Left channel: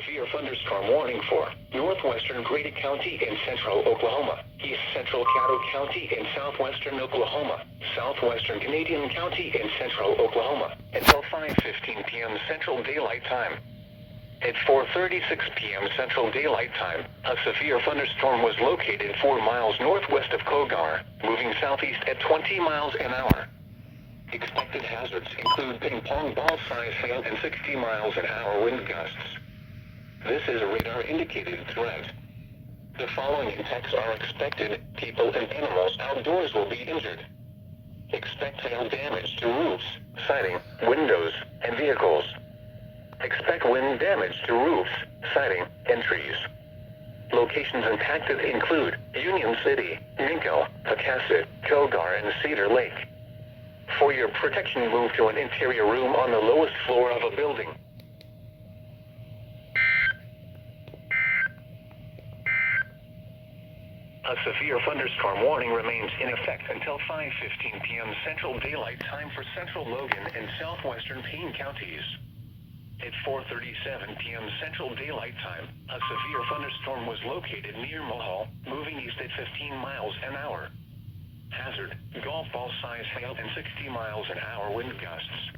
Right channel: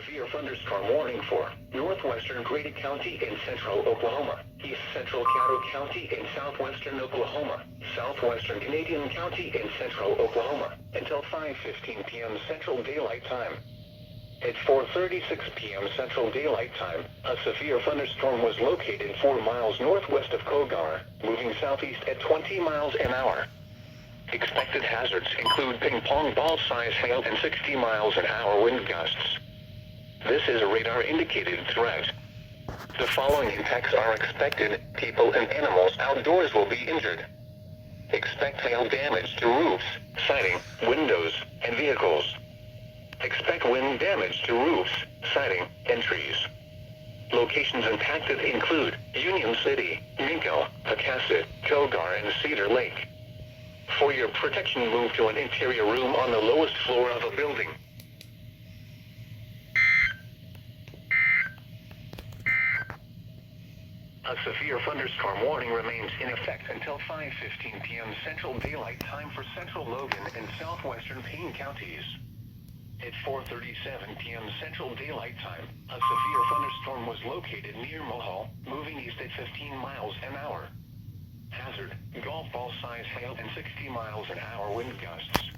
severe thunderstorm warning for Northwestern Grady County in central Oklahoma, east central Caddo County in southwestern Oklahoma, southwestern Canadian County in central Oklahoma, until 5:15 p.m. Central Daylight Time. At 4:36 p.m. Central Daylight Time, a severe thunderstorm was located 4 miles northwest of Cogar, moving southeast at 20 miles an hour. Expected hazards include ping-pong ball-size hail and 60 miles an hour wind gusts. This is a radar-indicated threat. The following impacts are expected: people and animals outdoors will be injured. Expect hail damage to roofs, siding, windows, and vehicles. Expect wind damage to roofs, siding, and trees. Locations impacted include Union City, Minko, Pocasset, Cogar, and Cedar Lake. For your protection, move to an interior room on the lowest floor of a building. A severe thunderstorm warning remains in effect until 5:15 p.m. Central Daylight Time for central Logan and southwestern Payne counties. At 4:37 p.m. Central Daylight Time, a severe thunderstorm was located near Mohall, moving east at 15 miles an hour. Hazard: golf ball size hail and 60 miles an hour wind gusts.